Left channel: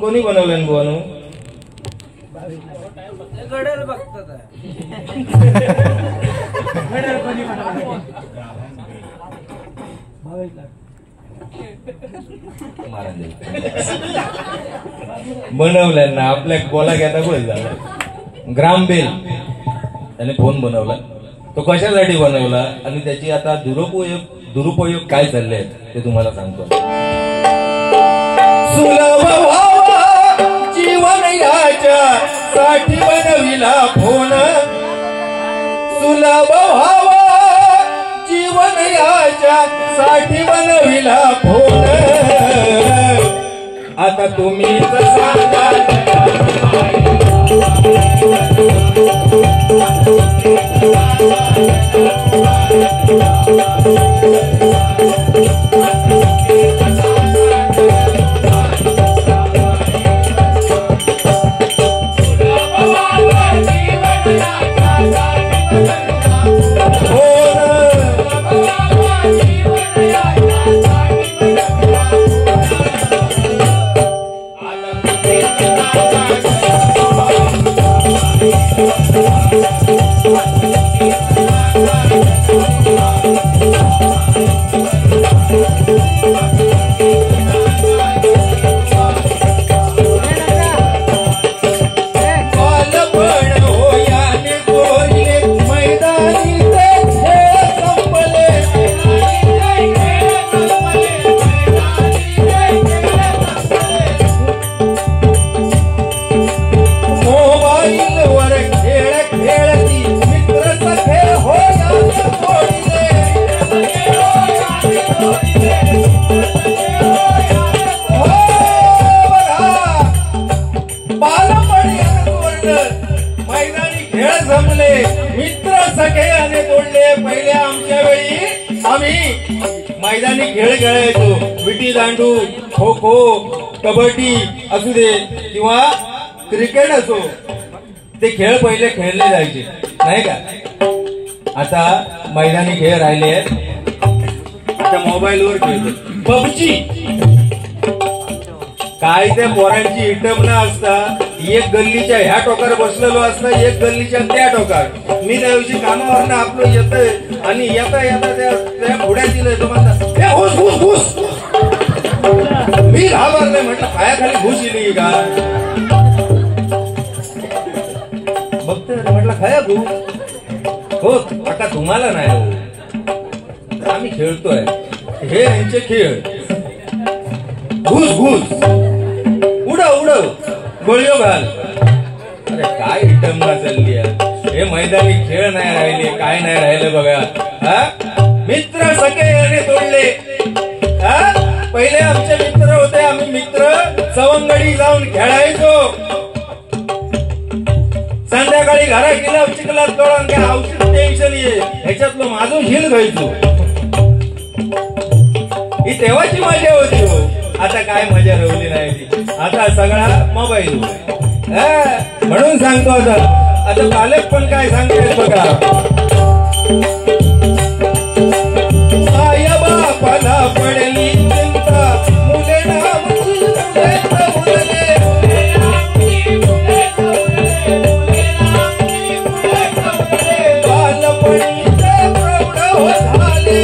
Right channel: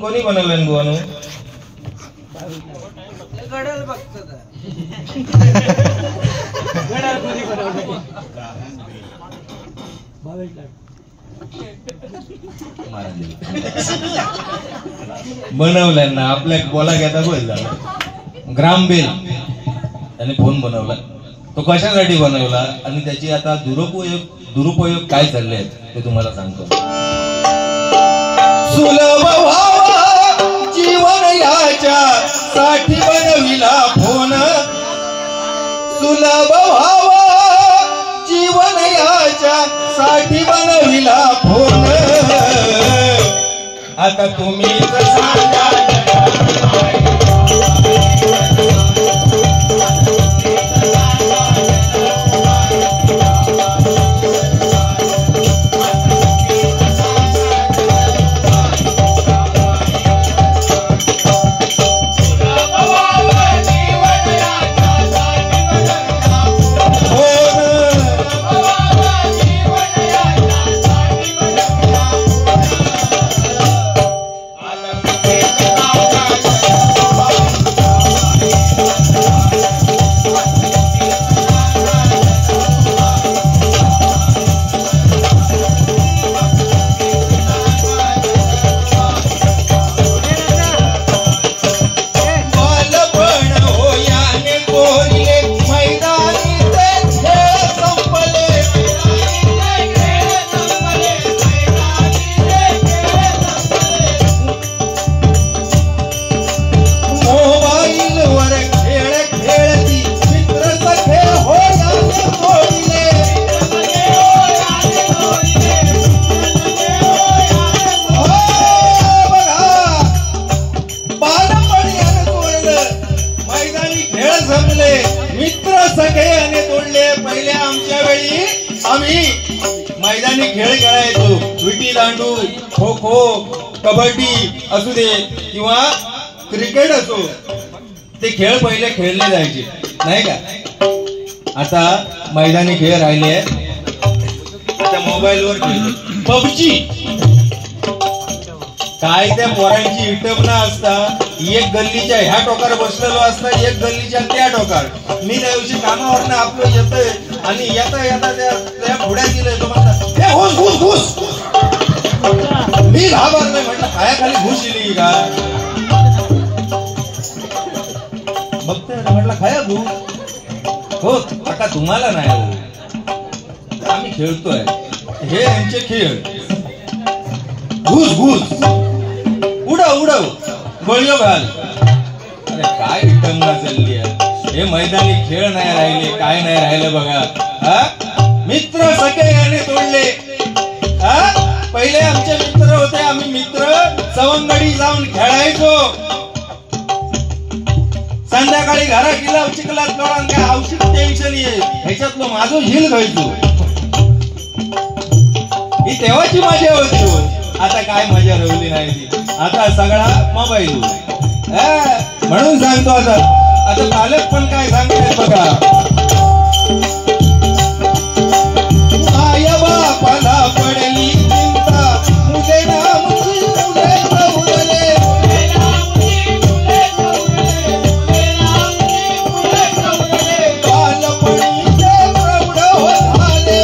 कोणी बनवलं बुवानो? गडल बघतात बनवलं ना आपल्या बोला घेता बोल ग्रामबेल त्याने फोन बनवला. तो कशासाठी बनवला आणि त्याची आता दुरुपयोग काय चालले ते तुम्हाला सांगतो. सुलभ व्हावा जीवन याच्या साठी बनविला फोन. सुलभ व्हावा जीवन याच्या साठी बनविला फोन. आता तुम्हीच सांगा मित्र सखे आणि तोडले. पहिले आमच्या वेळी आम्ही मैदानी खेळ खेळायचो. विटी दांडू, खो खो, कबड्डी असू दे किंवा क्रिकेट असो, ते खेळ पहिले खेळले जायचे नाही का. आता मैदानी खेळ राहिले आता मोबाईलवर खेळते. पबजी काय त्या पोरांची हिटपणा असता. एक गल्लीच्या ह्या टोकावर बसलेलो असतं, एक गल्लीच्या त्या टोकावर. मी त्या दिवशी कामावरनं आपलं येतोय आणि येता येता त्या पुढे दिलंय तो म्हणतात हे घुस घुस घुस. मी घाबरलोय म्हटलं पायाखाली घुस येईल का. बघतोय म्हटलं खाया घुस हो काका तुम्हाला नाही हो आम्ही खेळतोय हे यांचे खेळ. घुस घुस उडव उडव गोळीओ घाल. अरे काय इटंबा चालली हे. मैदानी खेळ नाही राहिले काय नाही राहिलं बघा. मित्र सगळे तोडले. पहिले आमचे मित्र होते. आम्ही मित्र सवंगडी जाऊन खेळायचो. संध्याकाळी घरा गेला चिखलात लोळून काय औषध टेन्शन ये ह्याच्यातलं माझं झील घ्यायचो. ही तेव्हाची मजा होती. आता काय मजा राहिली नाही ती. आता सगळा मोबाईल. म्हणून सांगतो आता पालक पण काय सांगतायत बघा. आया बापाला पडली चिंता मुले नामची मुले ठेवले. बालपणीचे प्रौढ झाले.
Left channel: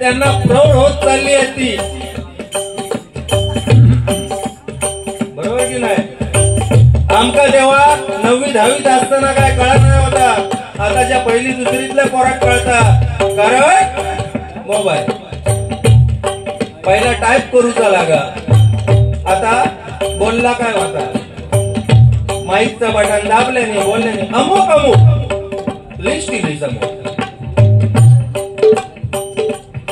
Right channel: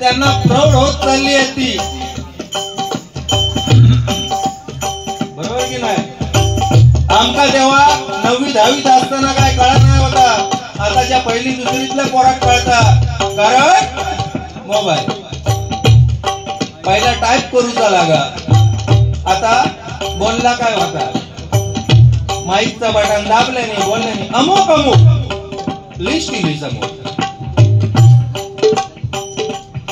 त्यांना प्रौढ होत चालली आहे ती. बरोबर की नाही. आमका तेव्हा 9वी 10वीत असताना काय कळत नाही होता. आताच्या पहिली दुसरीतल्या पोरात कळता. कारण मोबाईल. पहिला टाईप करूचा लागा. आता बोलला काय होता माईकचा बटन दाबल्याने बोलल्याने अमुक अमुक लिस्ट केली समोर.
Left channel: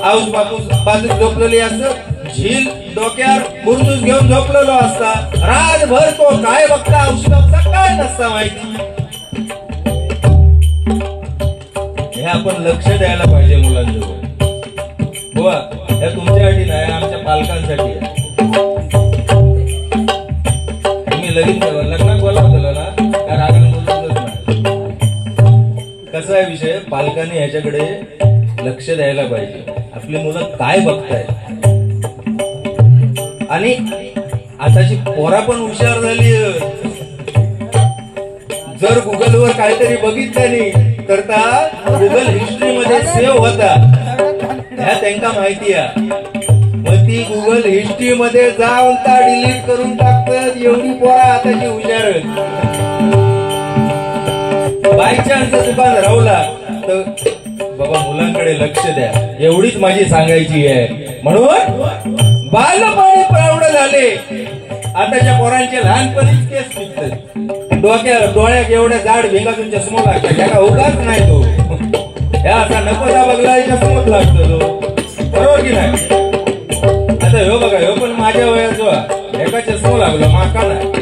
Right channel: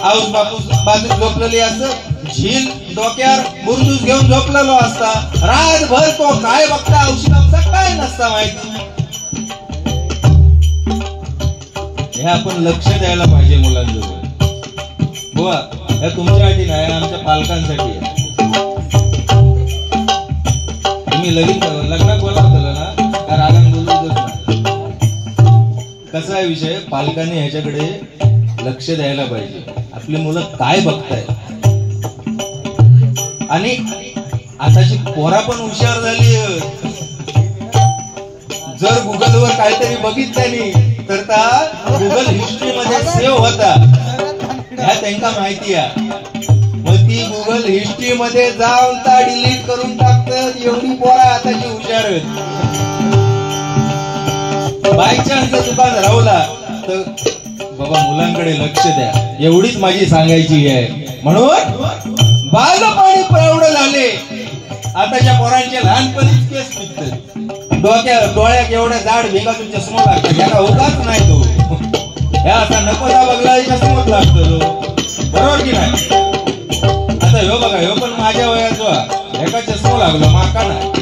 आऊस बापूस बाजूत झोपलेली असत. झील डोक्यावर बुरजूस घेऊन झोपलेलो असता. रातभर तो काय बघता औषध बापचा काय नसता माहिती. आपण लक्ष द्यायला पाहिजे मुलांजवळ. बुवा या तुमच्यासाठी नाही, आमच्या पालकांसाठी आहे. तुम्ही लग्नात बोलावलं ना त्या रागाने बोलतच नाही. कसा आहे विषय, पालकांनी ह्याच्याकडे लक्ष द्यायला पाहिजे. आपली मुलं काय बघतायत. आणि आताची पोरा पण हुशार झाली. जर गुगलवर काहीतरी बघितलं नाही तर गुगल हिस्ट्री मध्ये सेव्ह होता ह्या त्यांना माहिती आहे. मग ती गुगल हिस्ट्री मध्ये जाऊन ता डिलीट करून टाकतात. एवढी पोरा आताची हुशार. बाय चान्स दुकान राहला तर बाबा मुलांकडे लक्ष द्या, एवढीच माझी सांगायची आहे. म्हणून बालपणी प्रौढ झाले. आताच्या पोरांचे लहानपणीच केस निघतात. डोळ्यात एवढ्या जाड भेगातून चष्मा लागतात. त्याला उगाच नाही तो ह्या असा नकोसा बघला चष्माच लागतो तो. बरोबर की नाही. आता ह्यो बघा, ह्यो पण माझ्या वयाचा एका चष्मा लागलो माका नाही.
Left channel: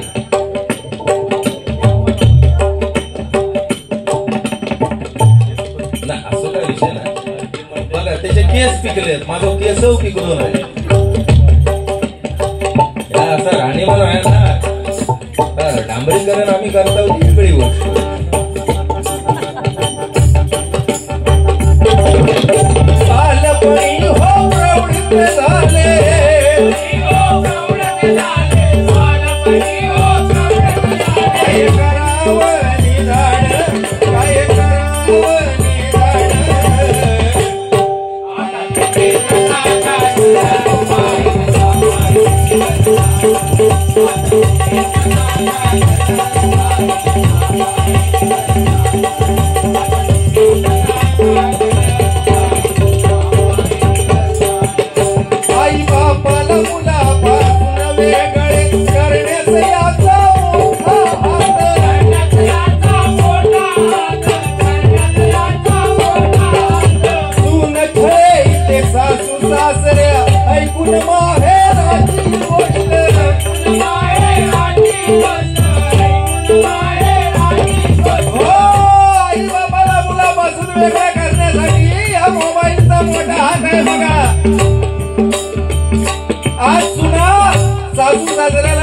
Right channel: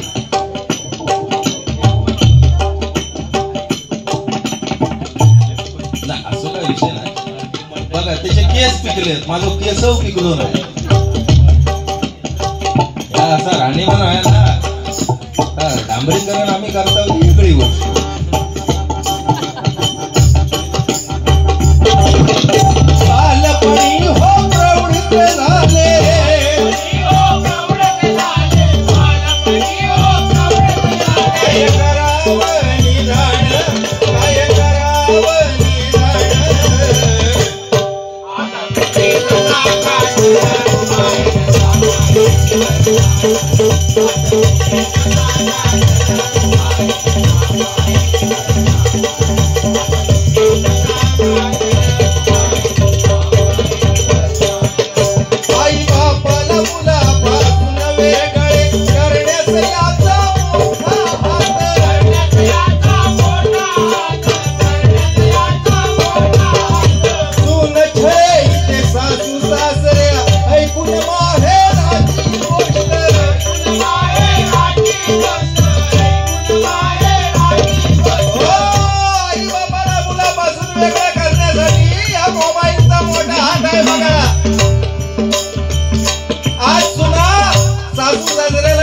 असं काय विषय नाही. बघा त्याचे केस पिकलेत, माझं केस पिकलो नाही. असं राणीमान आहे ना डांबरीकरण आम्ही करता वेगळी गोष्ट. बालपणी हो प्रौढ झाले,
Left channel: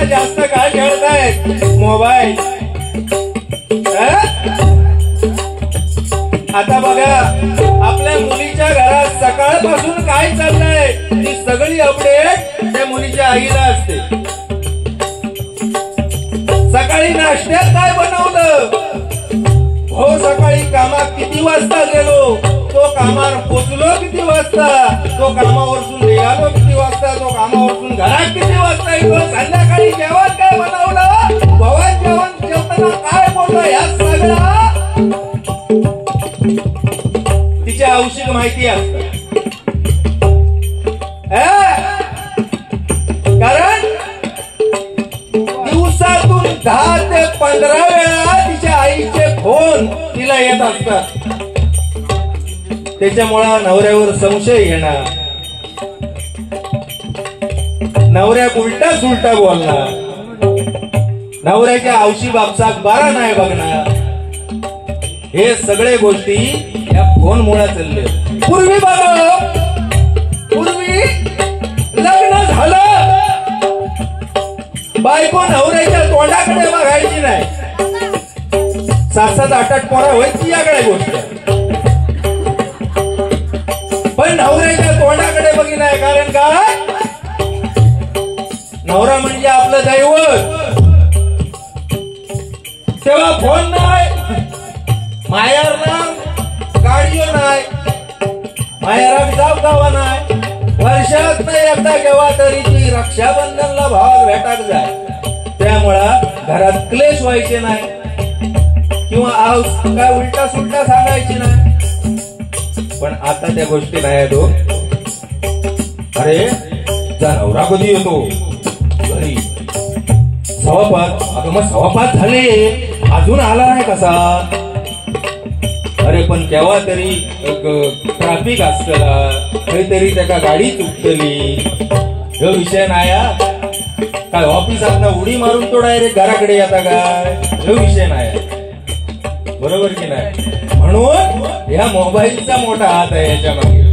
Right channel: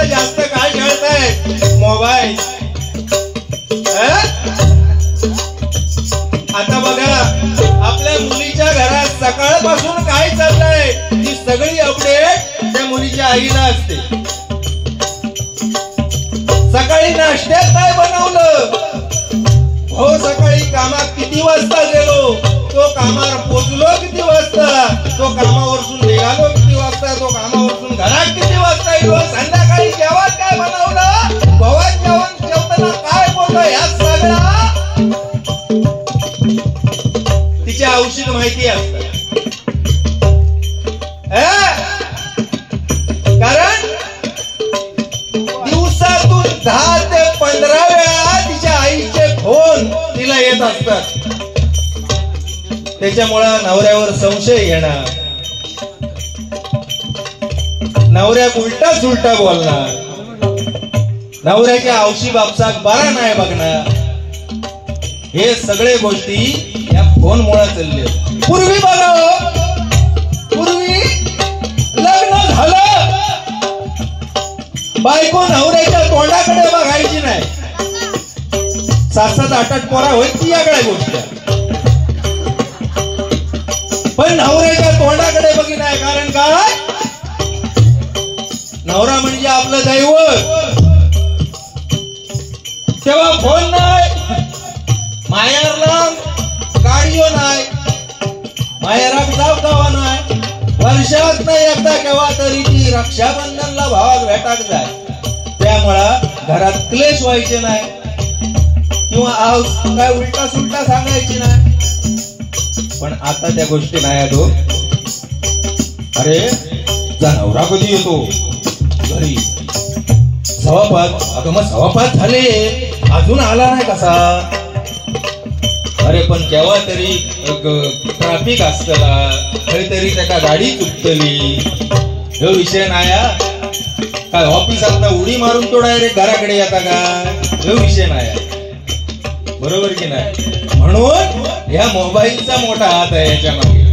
जास्त काय खेळताय मोबाईल. आता बघा आपल्या मुलीच्या घरात सकाळपासून काय चाललंय ती सगळी अपडेट त्या मुलीच्या आईला असते. सकाळी नाश्त्यात काय बनवलं, हो सकाळी कामात किती वाजता गेलो, तो कामावर पोचलो किती वाजता, तो कामावरसून निघालो किती वाजता, तो कामावरसून घरात किती वाजता येतो, संध्याकाळी जेवण काय बनवलं, भवन जेवताना काय बोललं, ह्या सगळं तिच्या औषध माहिती असतं. कारण दिवसातून 10 ते 15 वेळा तिच्या आईचे फोन तिला येत असतात. त्याच्यामुळे नवऱ्यावर संशय येणार, नवऱ्या उलटा सुलटा बोलणार, नवऱ्याच्या औशी बापसाक बरा नाही बघणार. हे सगळे गोष्टी या फोन मुळे चालले. पूर्वी बघा, पूर्वी लग्न झालं बायको नवऱ्याच्या तोंडाकडे बघायची नाही. 7-7 8-8 पोरा व्हायची याकडे गोष्ट. पण नवऱ्याच्या तोंडाकडे बघी नाही. कारण काय, नवरा म्हणजे आपलं दैवत. तेव्हा फोन नाही, माहेरला गाडीओ नाही, माहेरात जाव नाही. वर्षात नाही एकदा केव्हा तरी ती रक्षाबंधनला भावाला भेटाक जाय. त्यामुळं घरात क्लेश व्हायचे नाही किंवा काय उलटा सुलटा सांगायची नाही. पण आता त्या गोष्टी नाही येतो. अरे जा नवरा कधी येतो घरी, 5:15. आता मग 5:15 झाले अजून आला नाही कसा. अरे पण केव्हा तरी ट्रॅफिक असतला, तरी त्याका गाडी चुकतली. ह्यो विषय नाही. काय ऑफिसात उडी मारून तो डायरेक्ट घराकडे येता काय, ह्यो विषय नाही. बरोबर की नाही? म्हणून या मोबाईलचा मोठा हात आहे याच्या मागे.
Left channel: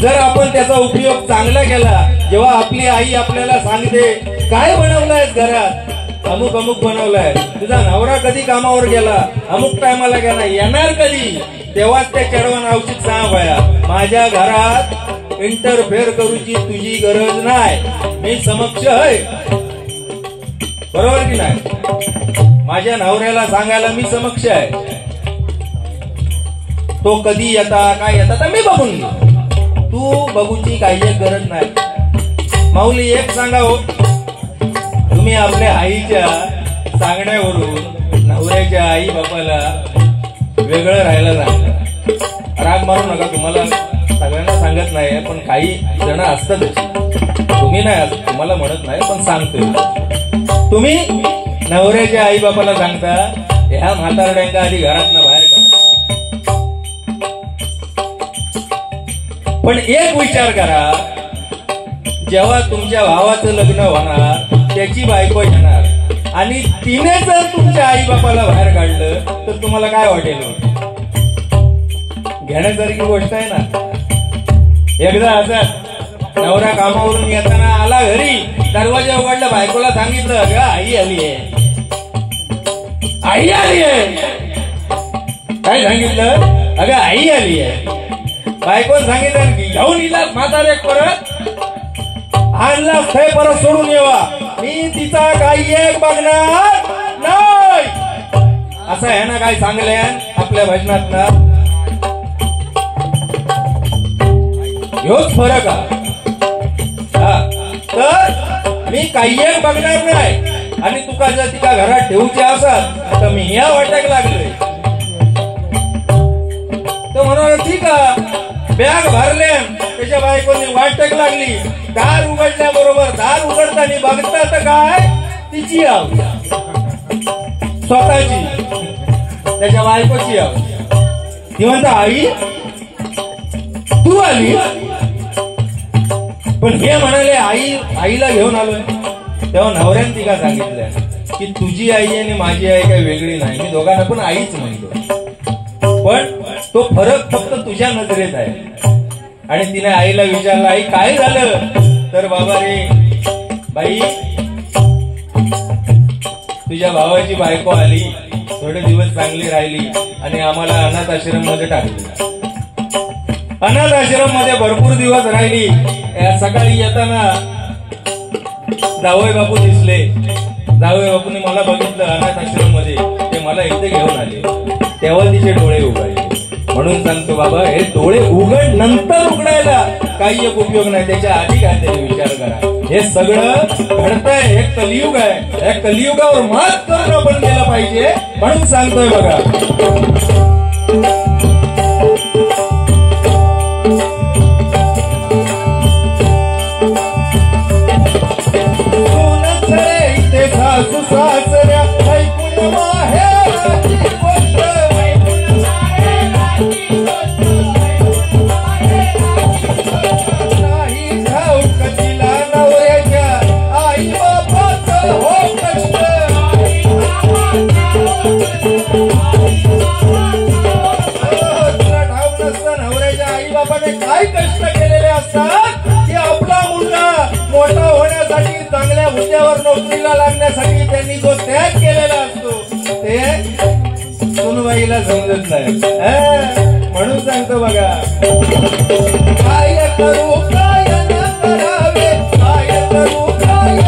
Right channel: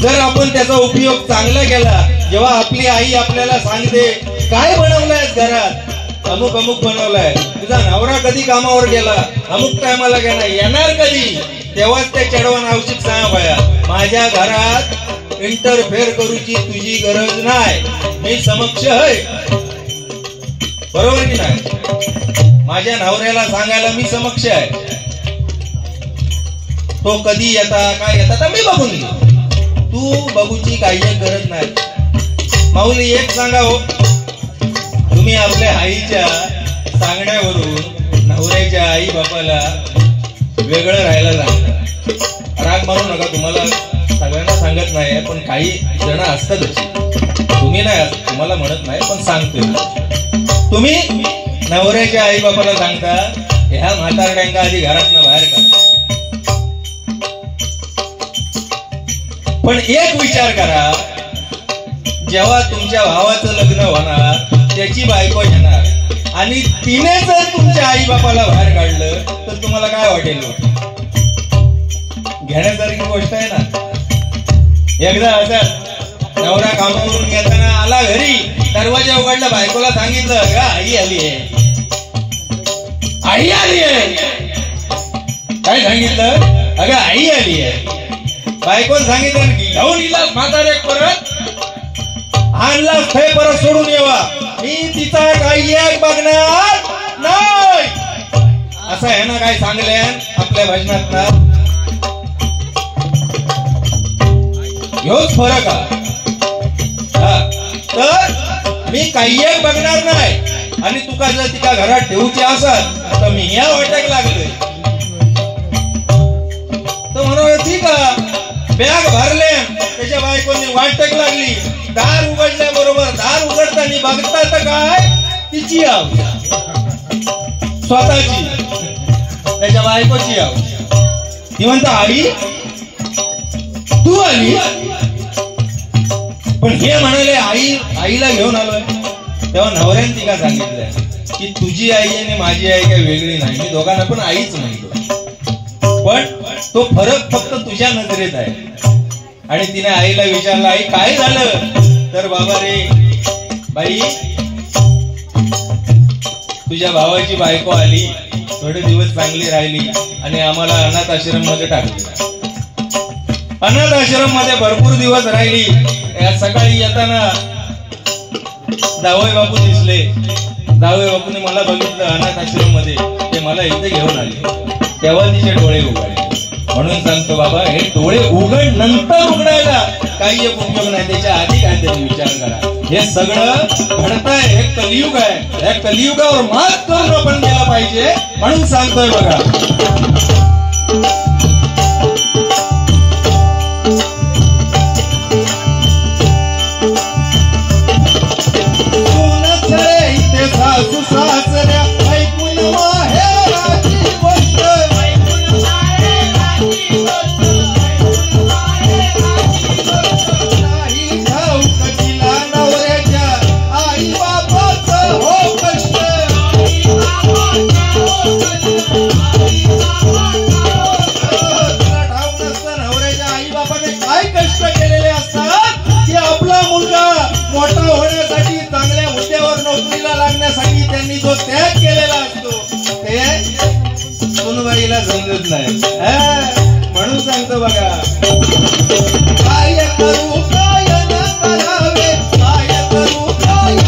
जर आपण त्याचा उपयोग चांगला केला, जेव्हा आपली आई आपल्याला सांगते काय बनवलंय घरात, अमुक अमुक बनवलंय, तुझा नवरा कधी कामावर गेला, अमुक टायमाला गेला, येणार कधी, तेव्हाच त्या चढवण औषध सांग बाया, माझ्या घरात इंटरफेअर करूची तुझी गरज नाही, मी समक्ष आहे. बरोबर की नाही? माझ्या नवऱ्याला सांगायला मी समक्ष आहे. तो कधी येता काय येता तर मी बघून घेऊ, तू बघूची काही गरज नाही. माऊली एक सांगा हो, तुम्ही आपल्या आईच्या सांगण्यावरून नवऱ्याच्या आई बापाला वेगळं राहायला सांगता. राग मानू नका, तुम्हाला सगळ्यांना सांगत नाही, पण काही जण असतात अशी, तुम्ही नाही, तुम्हाला म्हणत नाही पण सांगतोय. तुम्ही नवऱ्याच्या आई बापाला सांगता ह्या म्हातारड्यांना आधी घरातनं बाहेर काढा. पण एक विचार करा, जेव्हा तुमच्या भावाचं लग्न होणार, त्याची बायको येणार आणि तिने जर तुमच्या आई बापाला बाहेर काढलं तर तुम्हाला काय वाटेल? घेण्यासारखी गोष्ट आहे ना. एकदा असं नवरा कामावरून येताना आला घरी, दरवाजा उघडला, बायकोला सांगितलं अगं आई आली आहे, आई आली आहे. काय सांगितलं? अगं आई आली आहे. बायको सांगितलं की घेऊन इलास म्हातारे परत आणलास ते परत सोडून येवा, मी तिचा काही एक बघणार नाही. असं आहे ना काय सांगल्या आपल्या भजनात ना, ह्योच फरक हा. तर मी काही एक बघणार नाही आणि तुका जर तिका घरात ठेवूची असत तर मी या वाट्याक लागलोय. तो म्हणून ठीक आहे, बॅग भरले, त्याच्या बायकोनी वाटक लागली, दार उघडल्या बरोबर दार उघडताना बघता तर काय तिची आव, स्वतःची, त्याच्या बायकोची आव. ती म्हणता आई तू आली. पण हे म्हणाले आईला घेऊन आलोय. तेव्हा नवऱ्याने तिला सांगितलं की तुझी आई आणि माझी आई काही वेगळी नाही, मी दोघांना पण आईच म्हणतो, पण तो फरक फक्त तुझ्या नजरेत आहे. आणि तिने आईला विचारलं आई काय झालं? तर बाबा रे बाई, तुझ्या भावाची बायको आली, थोडे दिवस चांगली राहिली आणि आम्हाला अनाथ आश्रम मध्ये टाकली. अनाथ आश्रम मध्ये भरपूर दिवस राहिली. सकाळी येताना जावई बापू दिसले. जावई बापूने मला बघितलं अनाथ आश्रम मध्ये, ते मला इथे घेऊन आले. तेव्हा तिचे डोळे उघडले. म्हणून सांगतो बाबा, हे डोळे उघड नंतर उघडायला काही एक उपयोग नाही, त्याच्या आधी काहीतरी विचार करा. हे सगळं घडतंय, हे कलियुग आहे, या कलियुगावर मात करून आपण गेलं पाहिजे. म्हणून सांगतोय बघा, सासू सासऱ्या ऐकून माहेराची गोष्ट, नाही ठाऊक तिला नवऱ्याच्या आई बापाचं हो कष्ट. तुला ठाऊक नसतं नवऱ्याच्या आई बापाने काय कष्ट केलेले असतात, की आपला मुलगा मोठा होण्यासाठी, चांगल्या हुद्द्यावर नोकरीला लागण्यासाठी त्यांनी जो त्याग केलेला असतो ते सुनबाईला समजत नाही. म्हणून सांगतो बघा, काय करू काय न करावे, काय करू काय न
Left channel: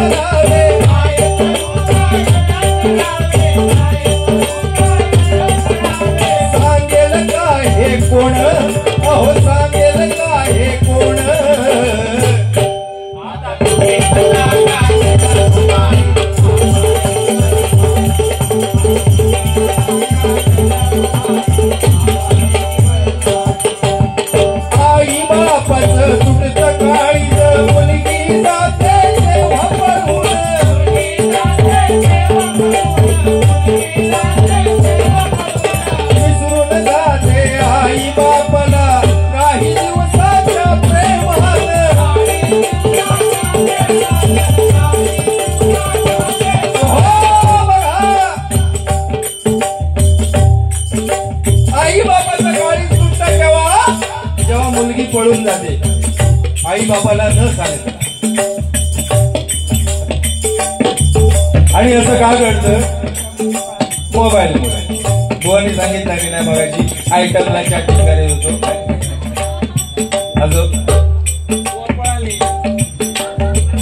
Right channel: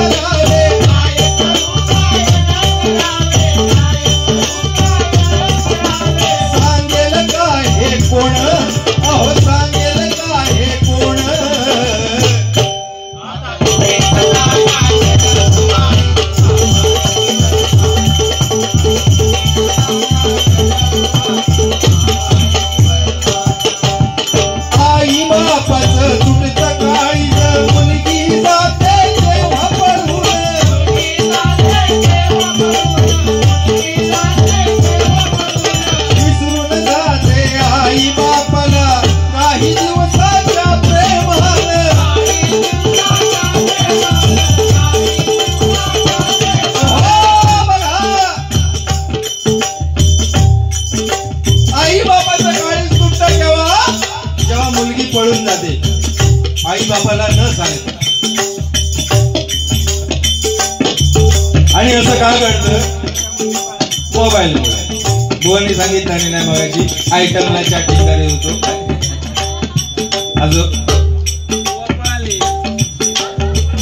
करावे, काय करू काय न करावे, सांगेल काय हे कोण, अहो सांगेल काय हे कोण. आई बापाचं काळीज तुटतं तेव्हा जेव्हा मुलगी पळून जाते आई बापाला न सांगता. आणि असं का घडतं? मोबाईल बुवांनी सांगितलं नाही बघायची आयटमला चॅटिंग करायचं होतो. अजून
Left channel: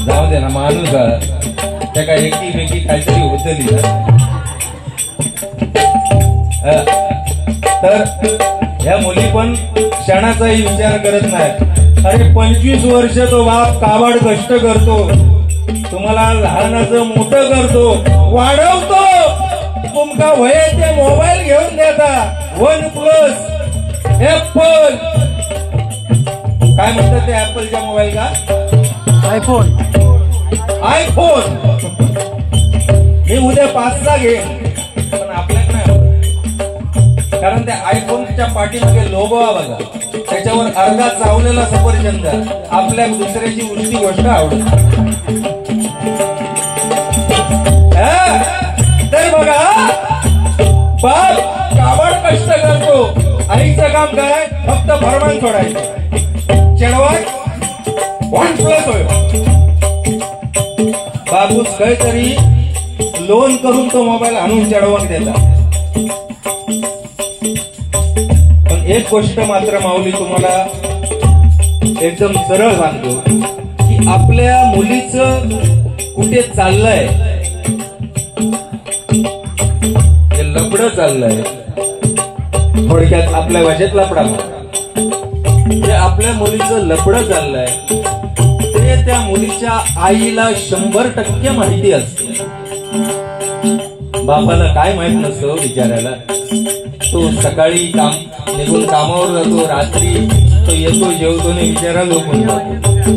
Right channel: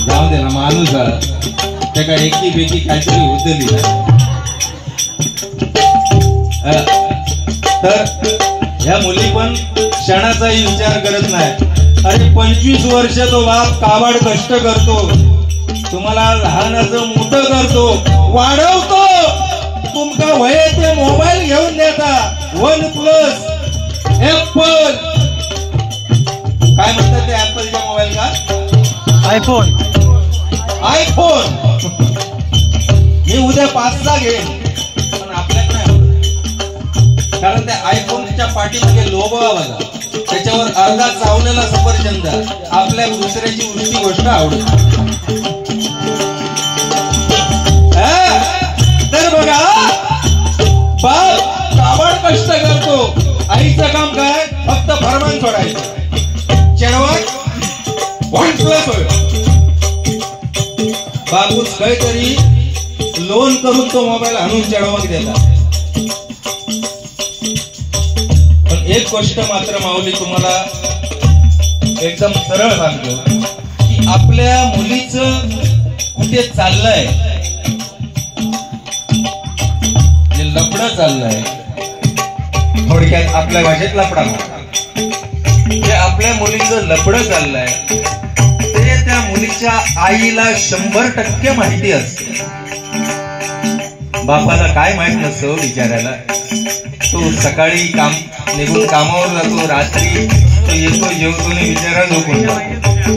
जाऊ दे ना माणूस त्या काय एकीपैकी काहीतरी होतली तर ह्या मुली पण क्षणाचाही विचार करत नाही. अरे 25 वर्ष तो बाप काबाड कष्ट करतो, तुम्हाला लहानाचं मोठं करतो, वाढवतो, तुमका वय ते मोबाईल घेऊन देता. OnePlus ऍपल काय म्हणतात ते ऍपलच्या मोबाईल का? आयफोन. मी उद्या 5चा घेईन पण आपल्यात नाही होत. कारण त्या आयफोनच्या पाठीमागे लोगो बघा, त्याच्यावर अर्धा चावलेला सफरचंद. आपल्या दुसऱ्याची गोष्टी गोष्ट आवडत. तर बघा बाप काबाड कष्ट करतो, आईचं काम काय? फक्त फरमान सोडायचं. चेडवा OnePlus होय. बापूस काहीतरी लोन करून तो मोबाईल आणून चेडवाक देता. पण एक गोष्ट मात्र माऊली तुम्हाला एकदम सरळ सांगतो की आपल्या मुलीचं कुठे चाललंय, हे लफडं चाललंय. थोडक्यात आपल्या भाषेत लफडा जे आपल्या मुलीचं लफडं चाललंय ते त्या मुलीच्या आईला 100% माहिती असते. बापाला काय माहित नसतं विचारायला. तो सकाळी काम निघून कामावर जातो, रात्री तो येतो, जेवतो आणि विचारायला झोपून.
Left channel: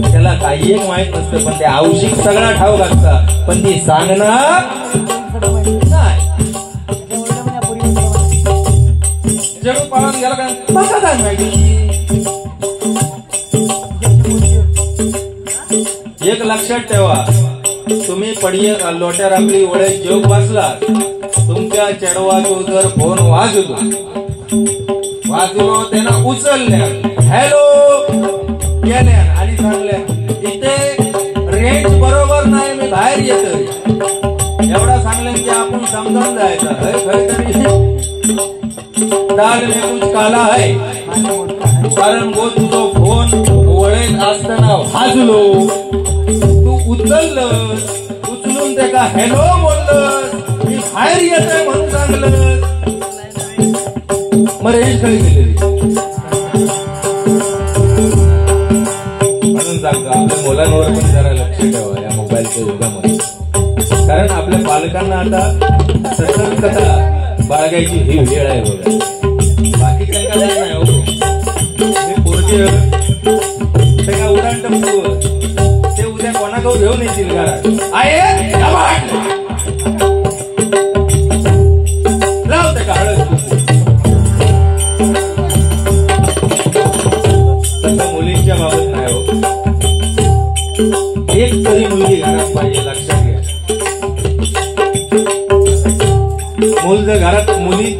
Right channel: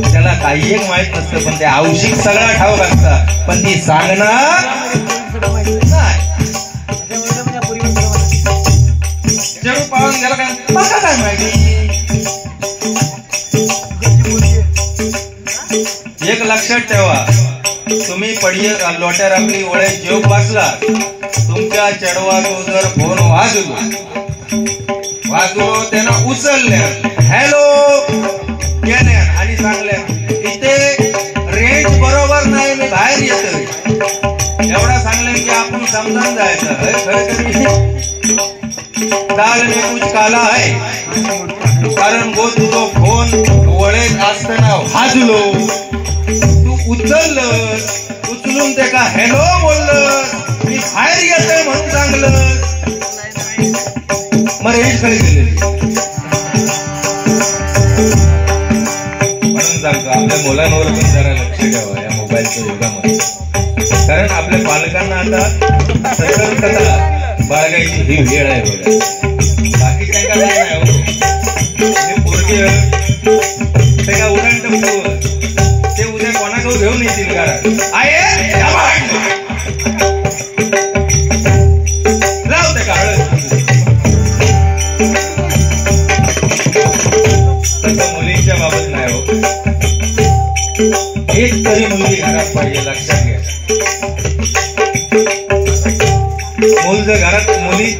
त्याला काही एक माहित नसतं पण ते आवश्यक सगळा ठाव लागतात पण ती सांगणार जरूर पाहून गेला का मला काय माहिती. एक लक्षात ठेवा, तुम्ही पडिय लोट्या राखली वळे जेव बसला, तुमच्या चढवाचो जर फोन वाजलो त्यानं उचलल्या, हॅलो केल्या आणि सांगल्या इथे रेंज बरोबर नाही, मी बाहेर येतोय. एवढा सांगल्या की आपण समजावून जायचं काल मी कुछ काला आहे. कारण गो तुझो फोन वळेत असताना वाजलो, तू उचलून ते का हॅलो बोललं, मी बाहेर येतोय म्हणून सांगलं. मग रेंज काय दिलेली म्हणून सांगतो आपल्या मुलांवर जरा लक्ष ठेवा या मोबाईलच्या युगामध्ये. कारण आपल्या पालकांना आता सतर्कता बाळगायची ही वेळ आहे बघा. बाकी काय काय नाही. ते का उडान टप्पू ते उद्या कोणाकडे घेऊन येतील का मुलींच्या बाबत नाही हो. एक तरी मुलगी घरात पाहिजे, लक्षात घ्या.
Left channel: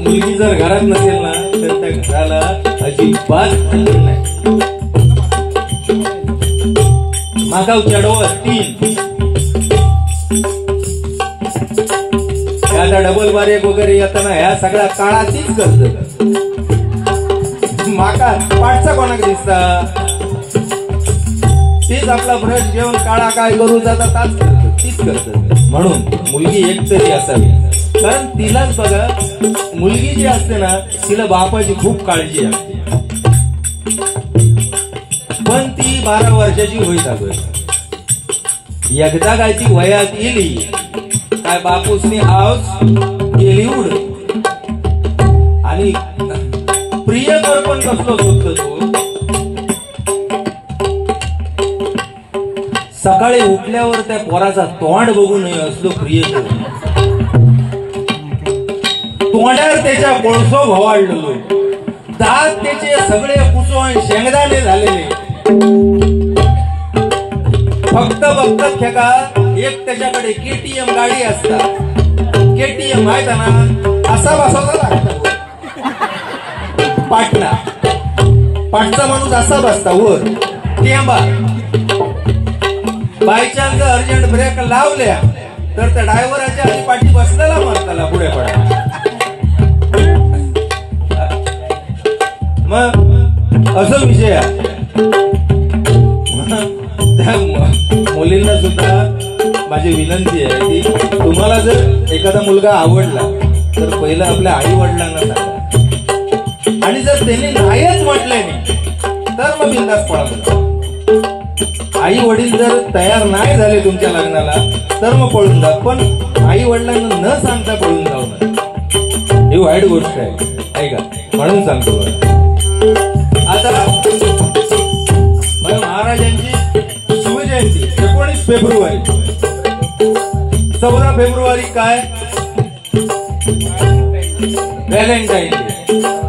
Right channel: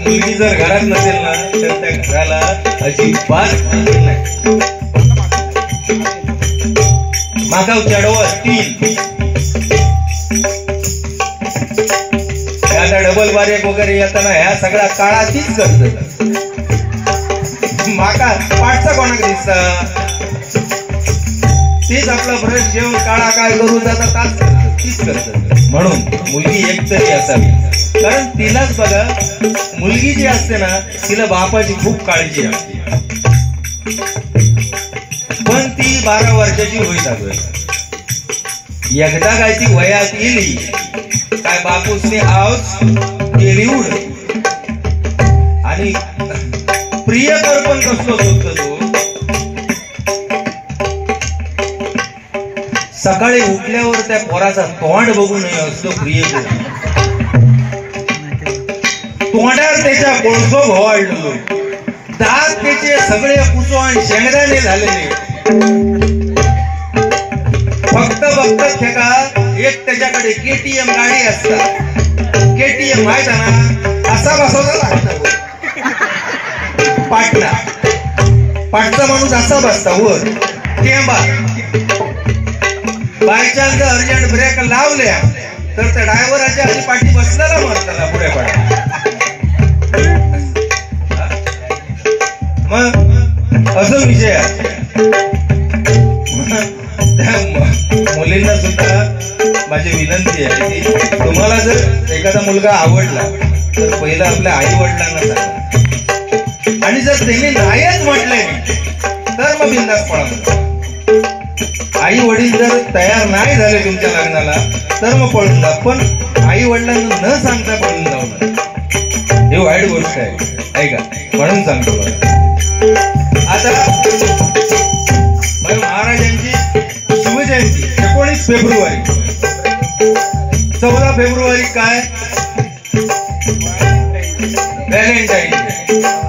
मुलगी जर घरात नसेल ना तर त्या घराला अजिबात नाही. मागाव चढव 3 डबल बारेक वगैरे येताना ह्या सगळ्या काळा तीच करत. माका पाठचा कोणाक दिसता तीच आपला ब्रश घेऊन काळा काय करून जातात तीच करत. म्हणून मुलगी एक तरी असावी. कारण तिलाच बघा, मुलगी जी असते ना तिला बापाची खूप काळजी असते. पण ती 12 वर्षाची होईत अगोदर एकदा काय ती वयात येली काय बापूसने आवाज केली उड. आणि प्रियकर पण कसलो सुटतो तो सकाळी उठल्यावर त्या पोराचा तोंड बघू नये असलो प्रियकर. तोंडावर त्याच्या बोळसो भवाळलो, दात त्याचे सगळे पुसो आणि शेंगदाणे झालेले. फक्त बघतात का एक त्याच्याकडे KTM गाडी असतात. KTM माहित ना असा बसवता लागतात. माणूस असा बसता वर टेंबा बाय चान्स अर्जंट ब्रेक लावल्या तर त्या ड्रायव्हराच्या आधी पाठी बसलेला म्हणताला पुढे पडा मग असं विषय आहे. मुलींना सुद्धा माझी विनंती आहे की तुम्हाला जर एखादा मुलगा आवडला तर पहिला आपल्या आई वडिलांना सांगा आणि जर त्यांनी नाहीच म्हटलंय तर मग बिंदास पळा. आई वडील जर तयार नाही झाले तुमच्या लग्नाला तर मग पळून जा, पण आई वडिलांना न सांगता पळून जाऊ नये. ही वाईट गोष्ट आहे का, म्हणून सांगतो. आता महाराजांची शिवजयंती 19 फेब्रुवारी 14 फेब्रुवारी काय व्हॅलेंटाईन डे.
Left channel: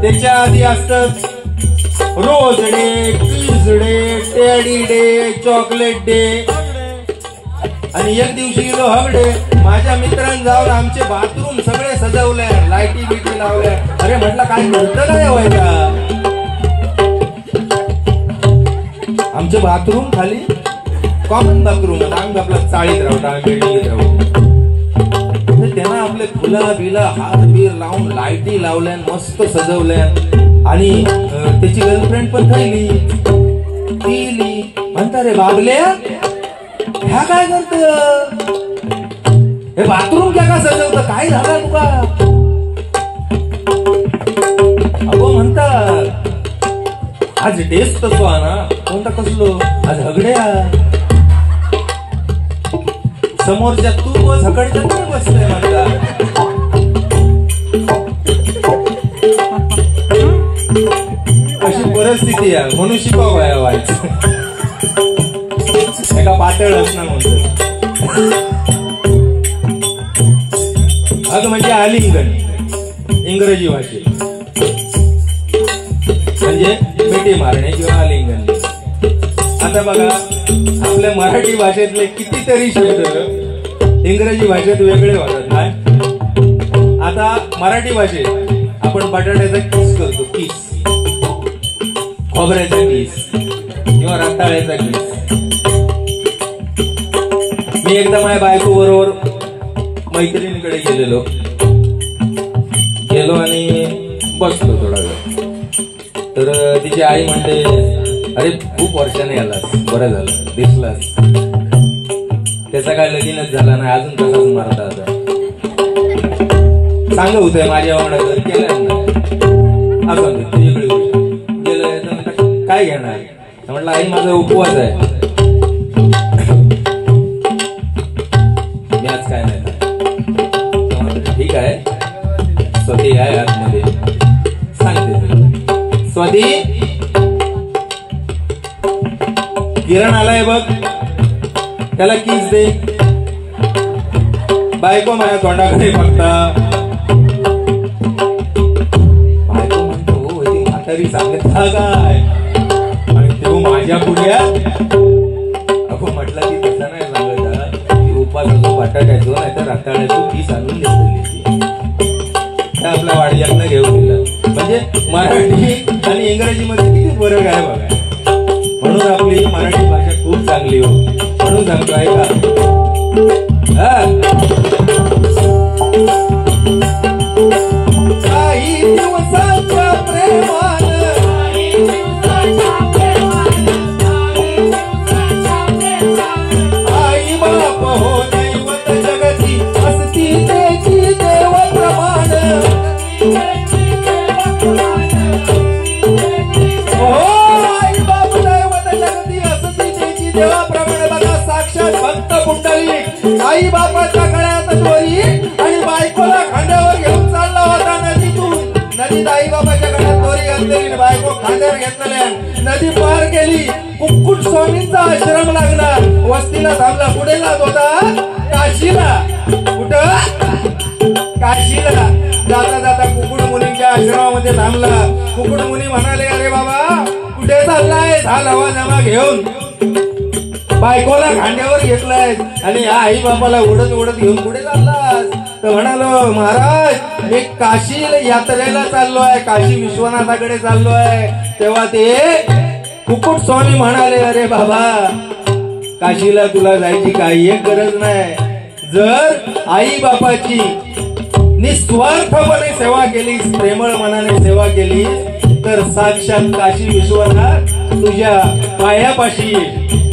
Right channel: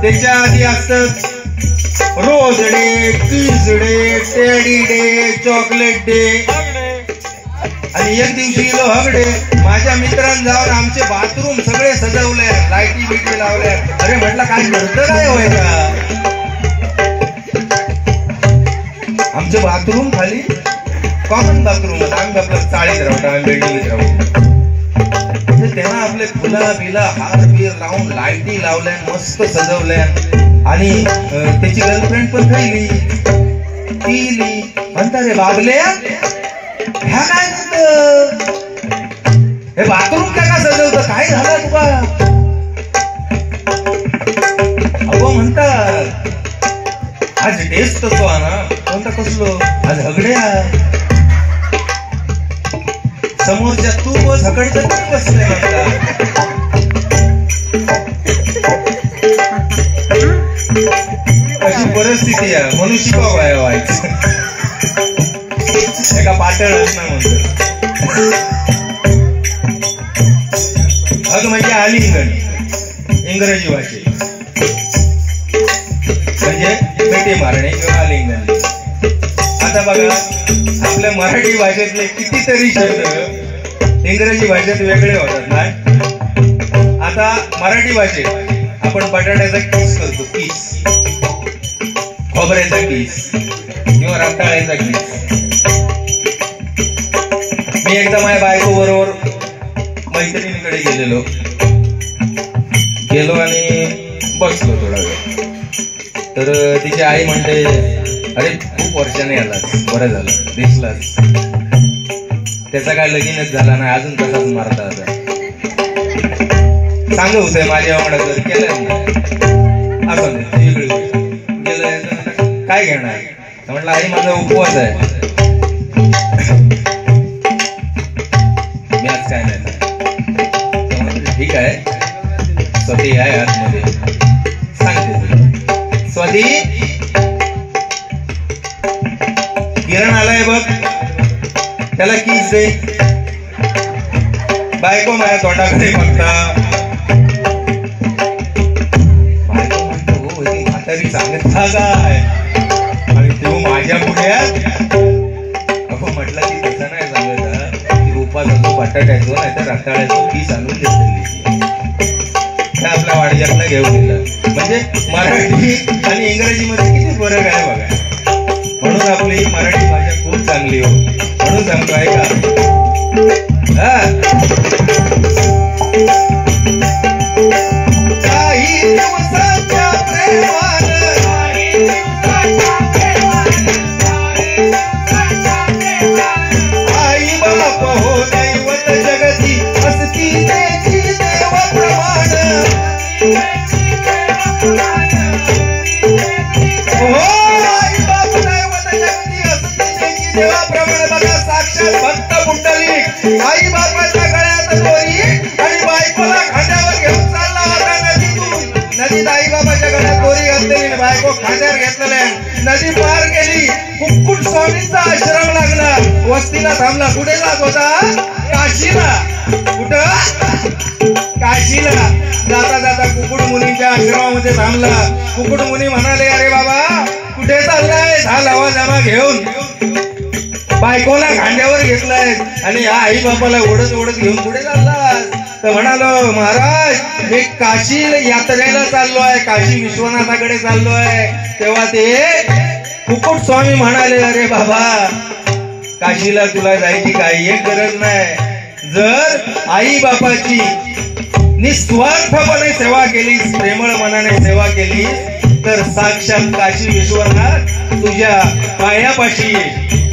त्याच्या आधी असत rose day, kiss day, teddy day, chocolate day आणि एक दिवशी गेलो हग डे. माझ्या मित्रांनी जाऊन आमचे बाथरूम सगळे सजवले, लाईटी बिटी लावल्या. अरे म्हटलं काय करतं नाही व्हायचा. आमचे बाथरूम खाली कॉमन बाथरूम आम्ही आपला चाळीत राहतो, आम्ही बिल्डिंगीत राहतो. त्यांना आपले फुलं बिलं हार बीर लावून लाईटी लावल्या, मस्त सजवल्या आणि त्याची गर्लफ्रेंड पण खायली पिली. म्हणता रे बाबल्या ह्या काय करत, हे बाथरूम काय का सजवतं, काय झालं तुला. अगो म्हणतात आज टेस्ट तसो ना कोणता कसलो आज हगड्या समोरच्या तू झकडत बसले. अशी परिस्थिती आहे म्हणून शिकाव आहे व्हायचं एका पातळच ना म्हणतो. अग म्हणजे आलिंगन इंग्रजी भाषेत म्हणजे मिठी मारणे किंवा आलिंगन. आता बघा आपल्या मराठी भाषेतले कितीतरी शब्द इंग्रजी भाषेत वेगळे होतात काय. आता मराठी भाषेत आपण बटाट्याचा किस करतो, किस, खोबऱ्याचा किस किंवा रताळ्याचा किस. मी एकदा माझ्या बायको बरोबर मैत्रिणीकडे गेलो आणि बसलो थोडा वेळ. तर तिची आई म्हणते अरे खूप वर्षाने आलास, बरं झालं दिसलास. त्याचा काय लगीनच झाला नाही अजून तसाच मारता. आता सांग होतंय माझ्या म्हणत केलं असं गेलं काय घेणार. म्हटलं आई माझा उपवास आहे, मी आज काय नाही. ठीक आहे स्वती आहे आतमध्ये सांगते. स्वती किरण आलाय बघ, त्याला किस दे. बायको माझ्या तोंडाकडे बघता. बायको म्हणतो हो ती म्हातारी सांगत काय आणि तू माझ्या पुढे. अगो म्हटलं की तसं नाही सांगायचा, उपासाचो बटाट्याचो नाही तर रताळ्याचो किस आणून देतली काय आपल्या वाडीयातनं घेऊन दिलं. म्हणजे मराठी आणि इंग्रजी मध्ये किती फरक आहे बघा. म्हणून आपली मराठी भाषा खूप चांगली हो, म्हणून सांगतो आहे का. काही दिवसाच्या प्रेमान आई बाप हो दैवत जगती असती त्याची देव प्रमाण. देवाप्रमाणे बघा साक्षात भक्त कुंडली आई बापाच्या गळ्यात दोरी आणि बायकोला खांद्यावर घेऊन चालला होता नदीतून. नदीत आई बापाच्या गळ्यात दोरी घातलेली, बायको खांद्यावर घेतलेल्या नदी पार गेली. कुक्कुट स्वामींचा आश्रम लागला, वस्तीला थांबला. कुठे जात होता, काशीला. कुठं, काशीला. जाता जाता कुकुड मुनीच्या आश्रमामध्ये थांबला. कुकुड मुनी म्हणाले अरे बाबा कुठे चाललाय, झाला जमा घेऊन. बायकोला खांद्यावर घेतलाय आणि आई बापाला ओढत ओढत घेऊन पुढे चाललास. तर म्हणालो महाराज मी काशी यात्रेला चाललो आहे, काशी विश्वनाथाकडे चाललो आहे. तेव्हा ते फुकट स्वामी म्हणाले, अरे बाबा काशीला तुला जायची काही एक गरज नाही. जर आई बापाची निस्वार्थपणे सेवा केली, प्रेमळ मनाने सेवा केली, तर साक्षात काशी विश्वनाथ तुझ्या पायापाशी येईल.